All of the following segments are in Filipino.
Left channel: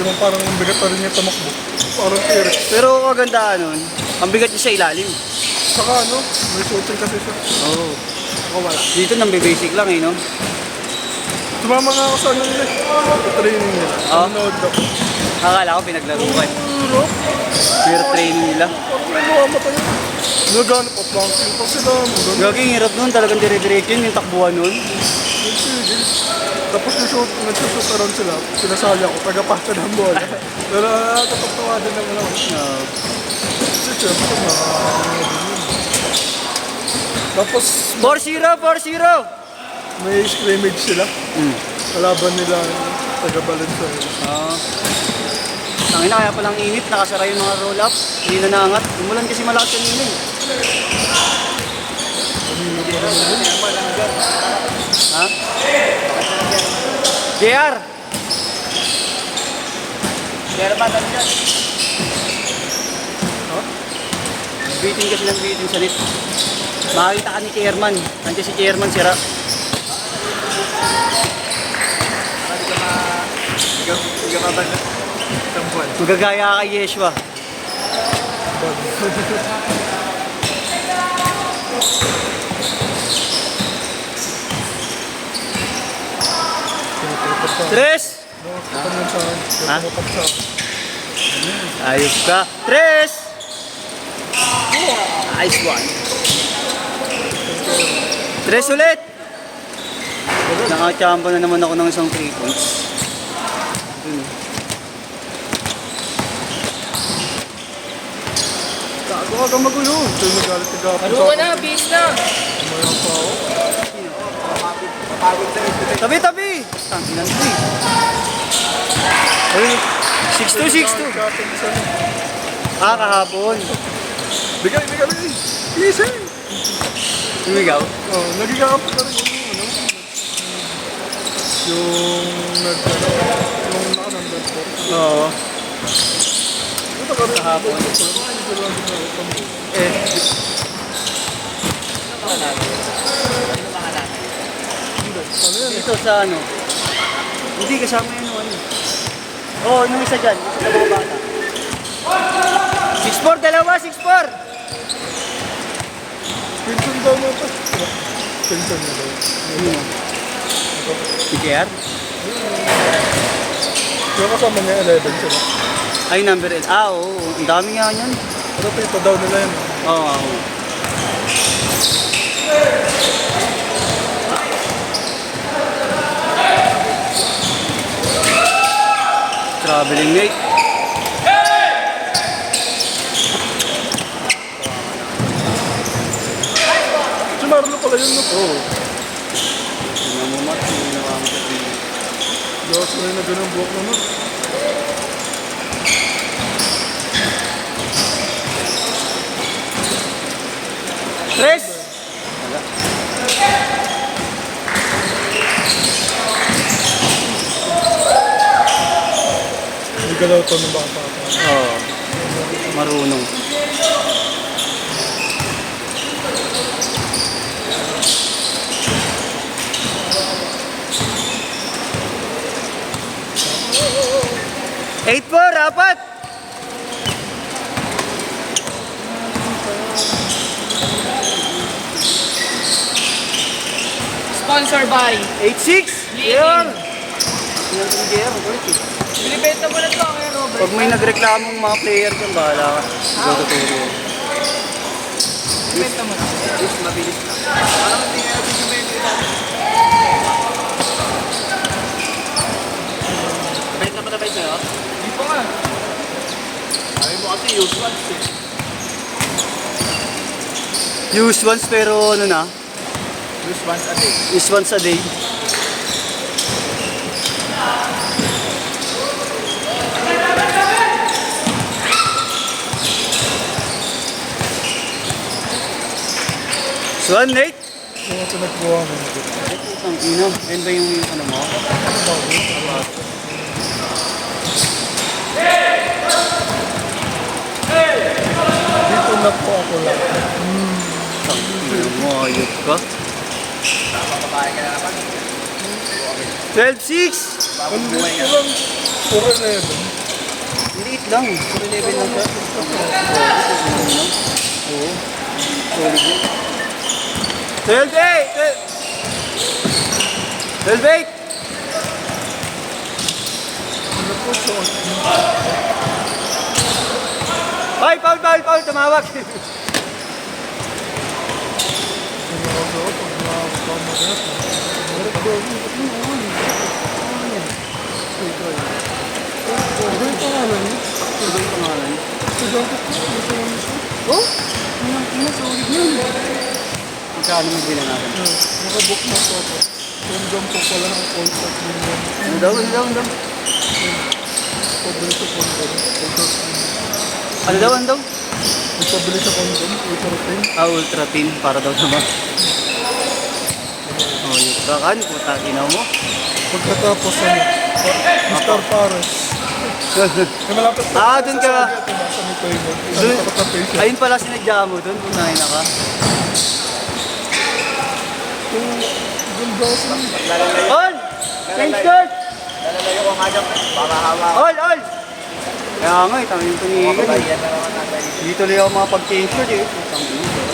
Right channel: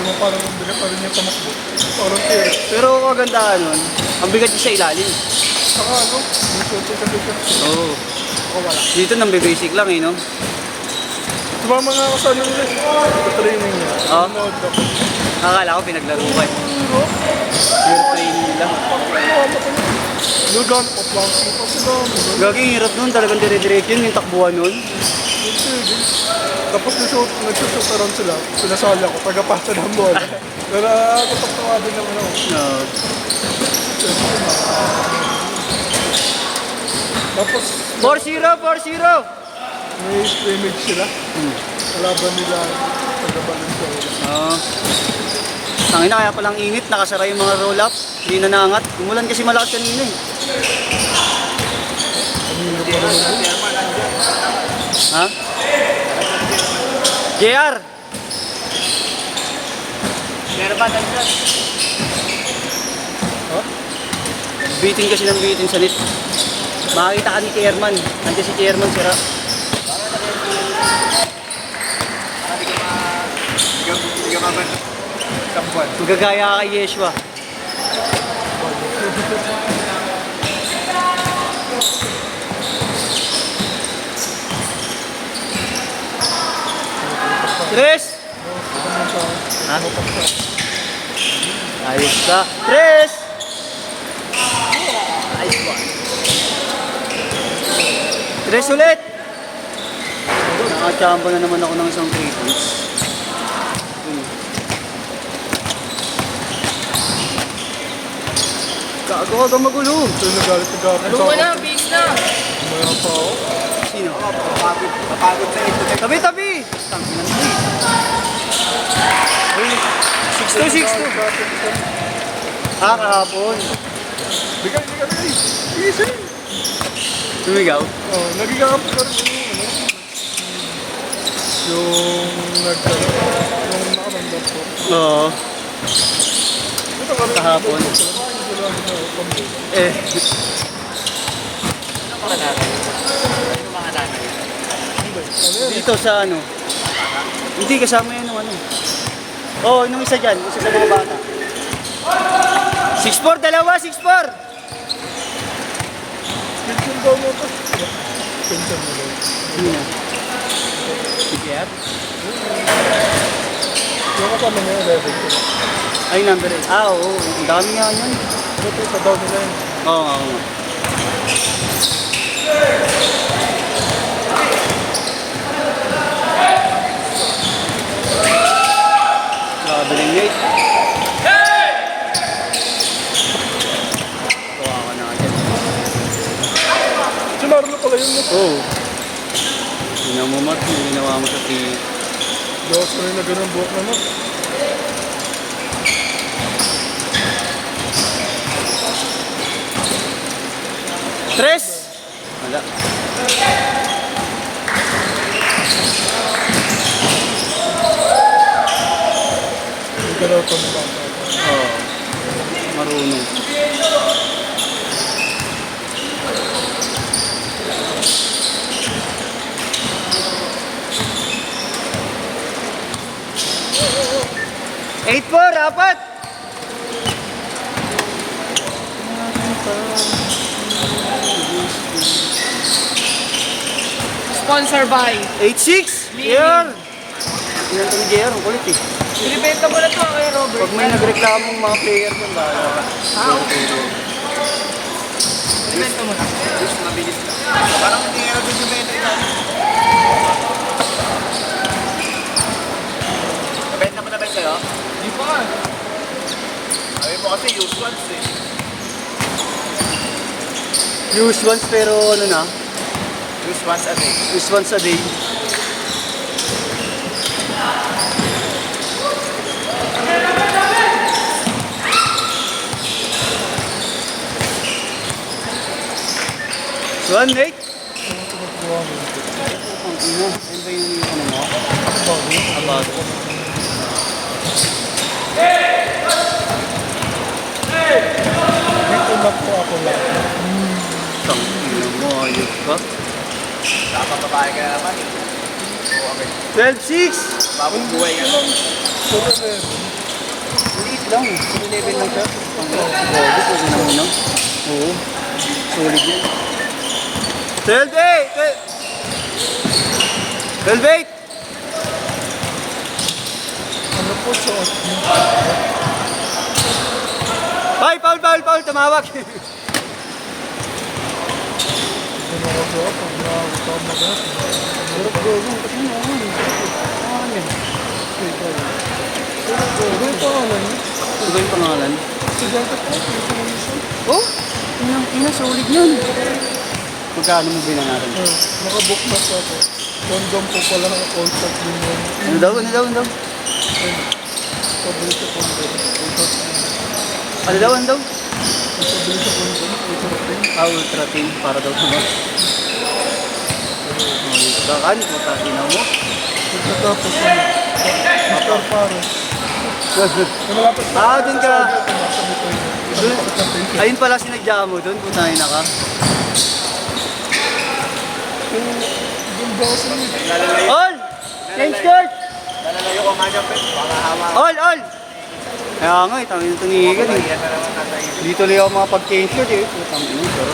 Diba parang ang bigat pa rin niya tumakbo. Parang tirik. Pero kagandahan nun, ang bigat niya sa ilalim. Saka ano, may shooting kasi siya. Oo. Saka wala. Dito nang basic lang eh, no? Tumama nga ako sa ano nila. Sa training niya. Oo. Nanood ako. Akala ko pinaglaruan. Pure training nila. Nagano pa planking pa sila. Gaging hirap nun, talagang dire-diretso yun, yung takbuhan nun. Sige. Tapos nagsushoot around sila. Pinasali ako, taga-pasa ng bola. Pero katatawa din naman ako. Tapos 4-0, 4-0! may scrimmage sila. Kalaban nila taga-Valenzuela. Oo. Ang ina, kaya palang init, nakasara yung mga roll-up. Hindi na naangat. Umulan kasi malakas kanina eh. Kanina pa rin yun. Ha? JR! JR ba tayo dyan? Ha? Bitin kasi ng bitin sa net. Makakita ka ni Kierman. Nanti si Kierman sira. Magagaya kay Yeshua. Tres! Ha? Ayos ka. Tres! Nice one. Tres ulit! Nakachamba na naman ako ng isang 3 points. Gago ka magulo. Ito nagalit nagkapit Ano ka na, bis na. Maya pa ako. Sino? Tabi-tabi! Ang inanti. Ayun. 6-2, 6-2. Ah, kahapon. Bigay. Easy. Tumigaw? Oh, nagigakapit ka rin yung ano. Yung yung nakarandam ko. Oo. Ito ka rin. Kahapon. Hindi lang na pambo. Eh. Hindi. Ano yan? Dito sa ano? Hindi, kasama yun ano. Oo, yung isa dyan. Isa sa mga bata. 6-4, dalawa, 6-4! Pinsan daw mo ito. Pinsan mo daw. Sino? Si Kiat? Yung kasama niya 11 siya. Ay, number 8. Ah, oo. Ang dami nga yan. Pero tita daw nila yun. Oo, oo. Traveling mate. Si Marlo pala yun, no? Oo. Tingnan mo naman kung ginawa mo sa TV. Diyos ko rin na ganun buhok naman. Tres! Wala. Hindi ka daw ito ng bata. Oo. Marunong. Eight four, apat! Sponsor by. 8-6! Yan! Yan ang JR, kulit eh. Binibenta mo na ito kay Robert. Pag may nagreklamong mga player doon, bahala ka. Go. Binibenta mo. Yes, mabilis na. Nabait na ba sa'yo? Di pa nga. Sabi mo kasi use once eh. Use once pero ano na? Use once a day. Use once a day. One, Nate? Yung ito nagkuha mo. Ang ino, yun ba yung ano mo? Ano bago yun? Dito na po ako lang. Ang ino mo, ayot ka. 12-6! Bagong buhay ka lang. 4-11. lang. Puro level lang siya. Oo, Oo. Sulit yun. 12-8! Ano po, short. Foul! Tumawag! Ano ako sa ako, pag nakakasama ka na. Ano yung pangalan niya? Ito yung pangalan. Estudyante po, yung pangalan ko. Oh? Sulit yun. Magkano mo bilang natin? Nakabook na siya ako. Condom po pala ang contract din yun. Ano daw? Pabili sa condom. Contract din yun. Ano daw? Pabili sa condom. Ultra thin. Para daw naman. Bakit? Mataginaw mo? Pagkatapos Mr. Pares. Malapit Dun ka. sa mitoy na. Dun. Ayun pala sinadya mo dun. Punahin na ka. Ganda kasi All! Change skirt! All! Kaya nga, itangin ko ni Egan eh. Hindi tuloy ako makapag-change skirt eh. Itangin mo siya.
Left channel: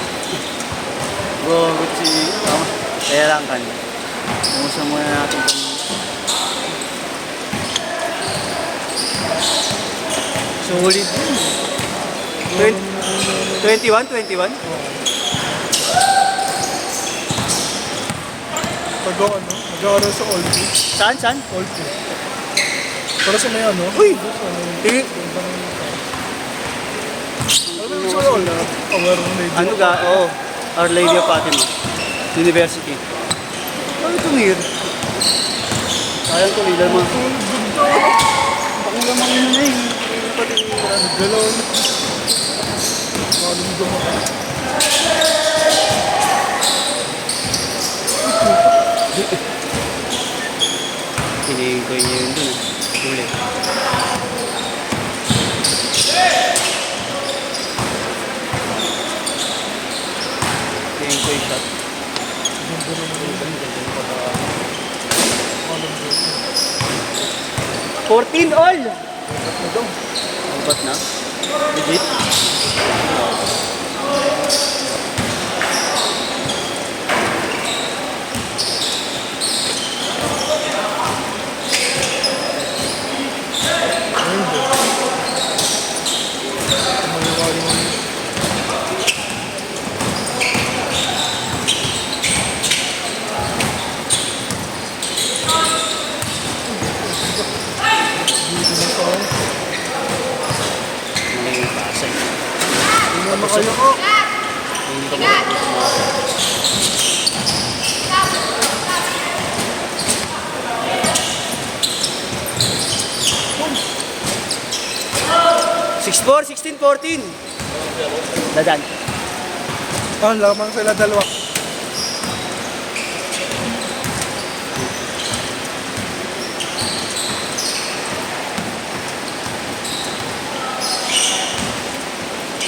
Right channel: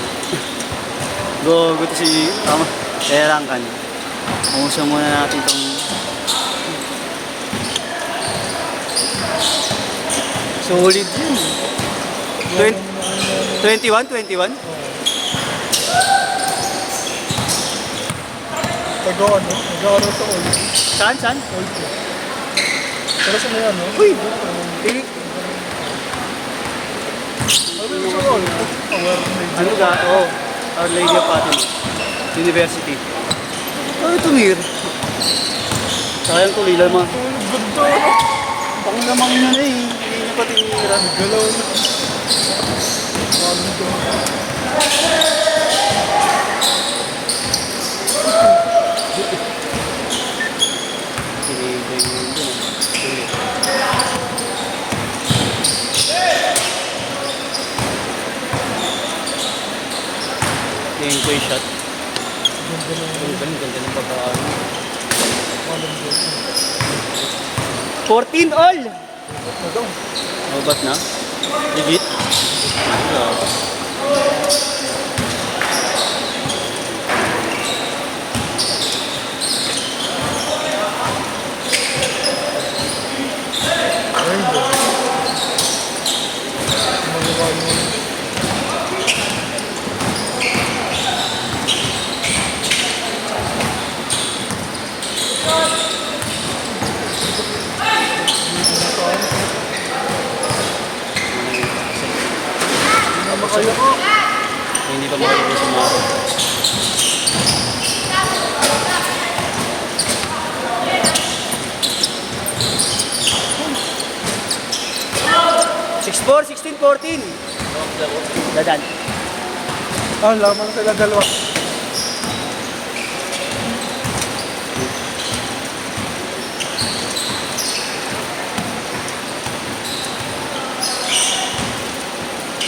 Gagawin si Terang kan. Umusang muna natin itong... Solid yun. 21? taga ano, nag-aaral sa Old. Saan? Old. Para sa may ano? Uy! Tingin. Ano yung sa Old? Aware na yun. Ano ga? Oo. Our Lady of Fatima University. Ano tumir? Sayang tulilan mo. Ganda. Bakit naman yun na eh. Hindi mo pa tinira. Nagalaw na. Tinigay niya yun dun. Sulit. Tingin ko yung shot. Ganda ng mga 14 all! na daw. Ubat na? Legit? Ayun ba? Maliwali mo. Hindi ka makikita sa mga. (6-4, 16-14) Dadan. Lamang sila dalawa.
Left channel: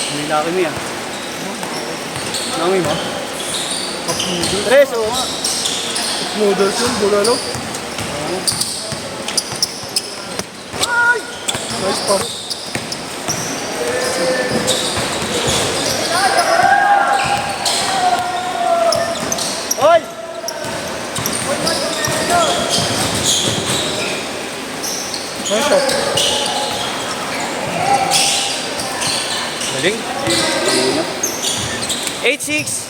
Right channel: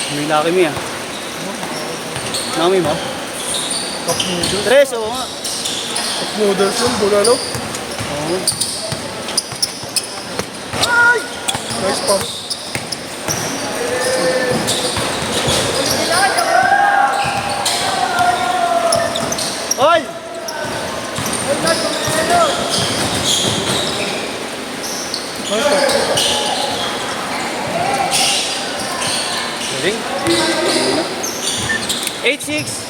Hindi laki mo yan. Nami ba? Cup noodles. 3 oh. Cup noodles yun, bulalo. Ay! Nice pass. All! Nice shot. Galing. 8-6.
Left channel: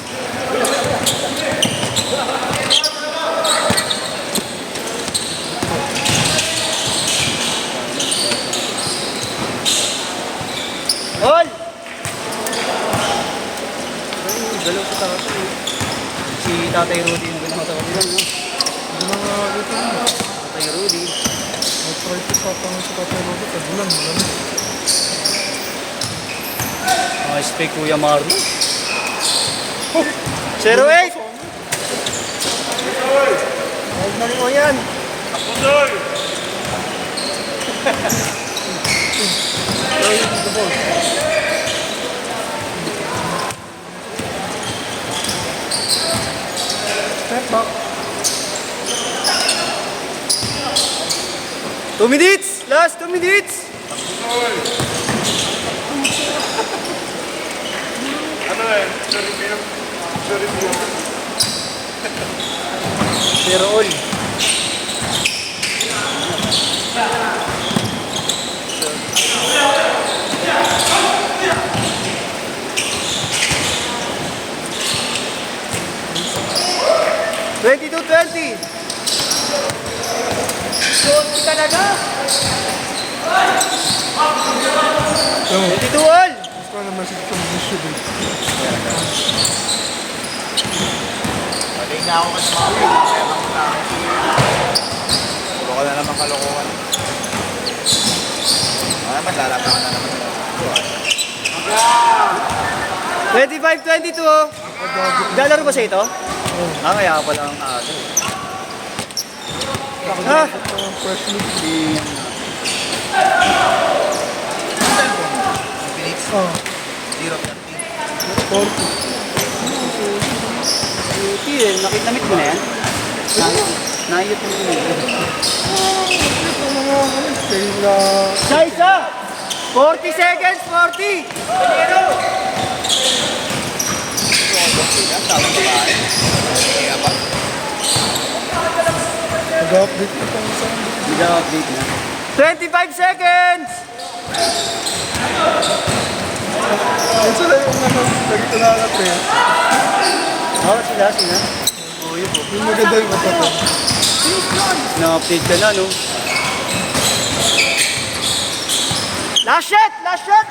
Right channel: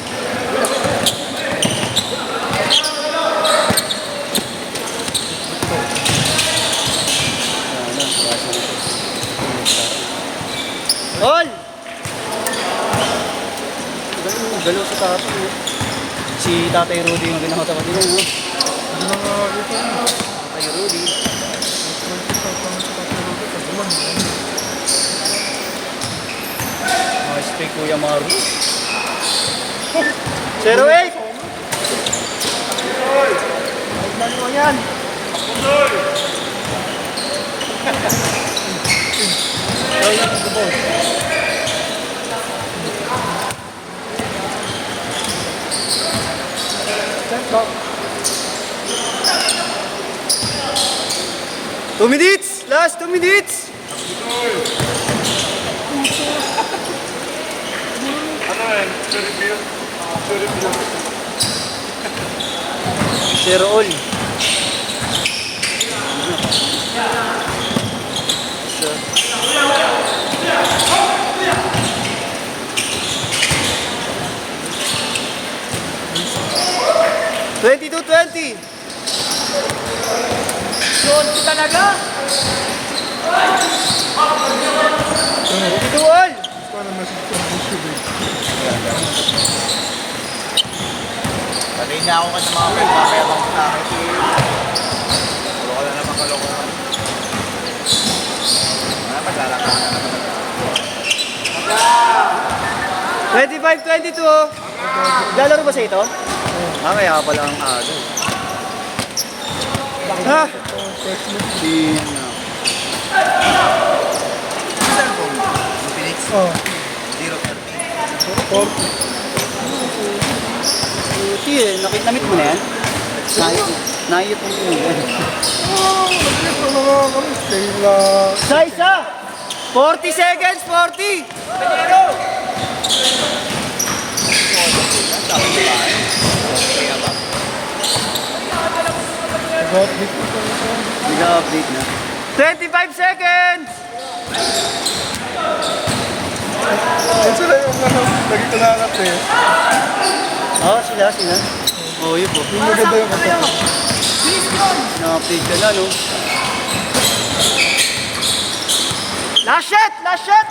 Roll! Galaw sa tato. Si Tatay Rudy yung ginawa sa kabilang, no? Hindi na nga dito. Tatay Rudy. Nice play, Kuya Maru. 0-8! Huwag mo yan. The ball. Two minutes! Last 2 minutes! Ano eh? Very cute. Very cute. Zero all. Twenty-two, 20. Good talaga. 22 all. Gusto ko naman sa distribution. Twenty-five, 22. Galaro ba sa ito? Kaya pala ang aga. Ha? First look. Oh. 40. Ito yun, nakit-namit mo na yan? Naiyot mo yun. Ito mga kami. Kaya Isa! 40 seconds, 40! nag-update ko pa isa. Nag-update na. 25 seconds! Yan sila yung ano, lagi ko nakaka-press. Oo, sila. Oo, yun po. Yung maganda yung kanta ko. Na-update ka na, no? Last shot! Last shot!